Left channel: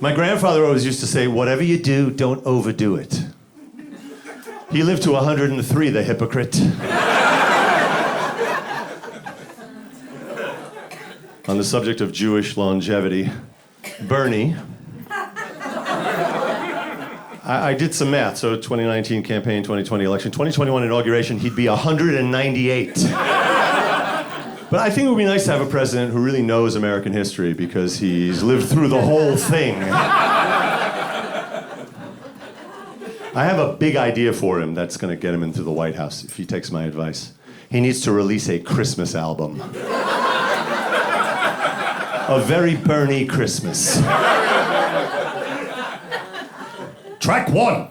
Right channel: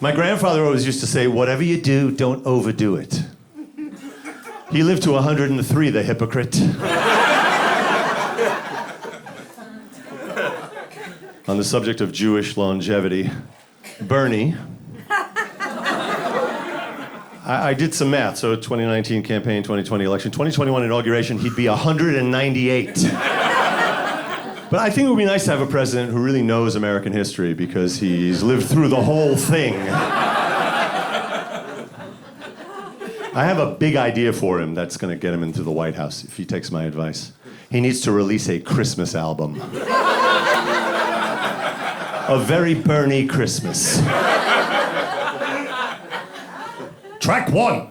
My grandfather always used to say, whatever you do, don't overdo it. He lived to 103, the hypocrite. On the subject of Jewish longevity, Bernie, I did some math, so 2019 campaign, 2020 election, 2021 inauguration, he'd be 198. But I think it would be nice to have a president who really knows American history because he's lived through the whole thing. I have a big idea for him that's going to get him into the White House, if he takes my advice. He needs to release a Christmas album. A very Bernie Christmas. Track 1.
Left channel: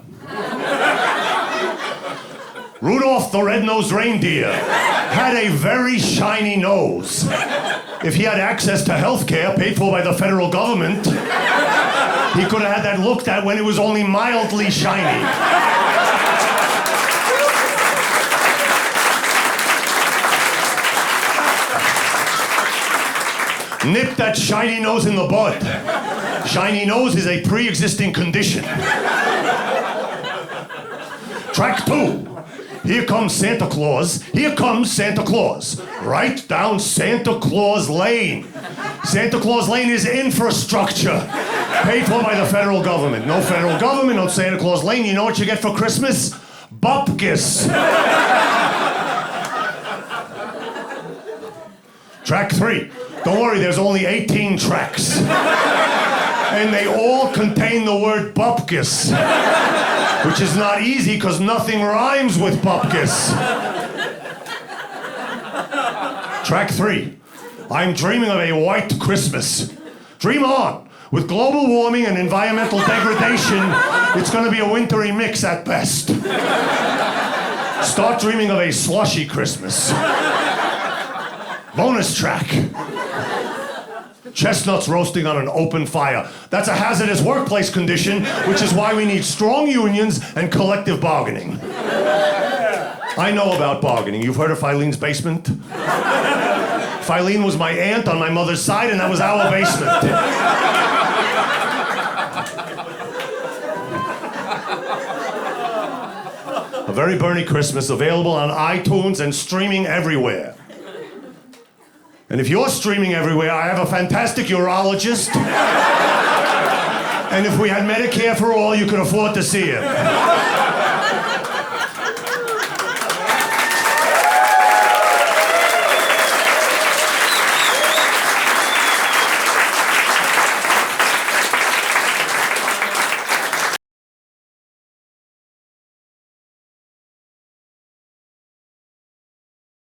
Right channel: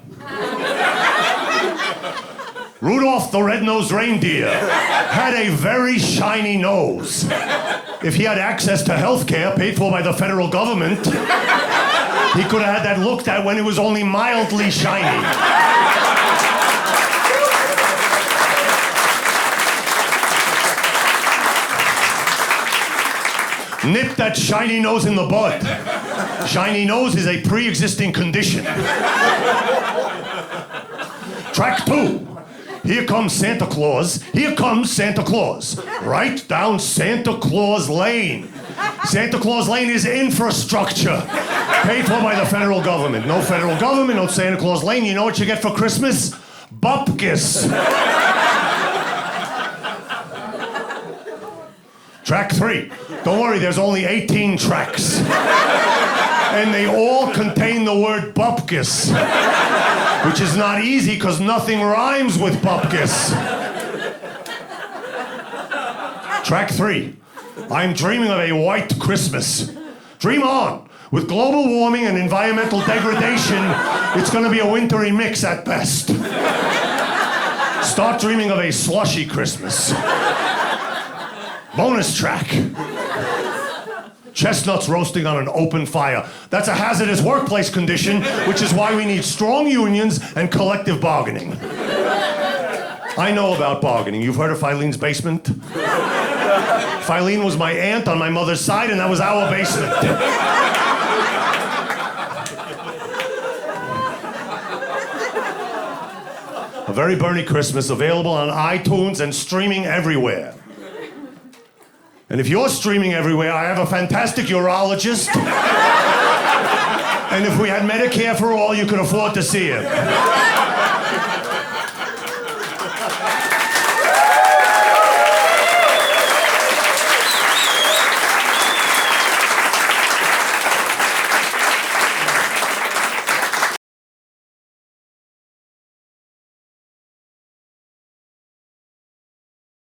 Rudolph the Red-Nosed Reindeer had a very shiny nose. If he had access to health care paid for by the federal government, he could have had that looked at when it was only mildly shiny. Nip that shiny nose in the bud. Shiny nose is a pre-existing condition. Track 2. Here comes Santa Claus. Here comes Santa Claus. Right down Santa Claus Lane. Santa Claus Lane is infrastructure. Paid for by the federal government. No federal government, no Santa Claus Lane. You know what you get for Christmas? Bupkis. Track 3. Don't worry, there's only 18 tracks. And they all contain the word bupkis, which is not easy because nothing rhymes with bupkis. Track 3. I'm dreaming of a white Christmas. Dream on. With global warming and environmental degradation, it's going to be a wintry mix at best. Start dreaming of a slushy Christmas. Bonus track. Chestnuts roasting on an open fire. That's a hazardous workplace condition, which is why we need strong unions and collective bargaining. I know about bargaining. You've heard of Filene's basement? Filene was my aunt on my mother's side, and that was our basement. A Very Bernie Christmas, available on iTunes and streaming everywhere. And if you're streaming everywhere, I have a fantastic urologist. And if we had Medicare for all, you could afford to see him.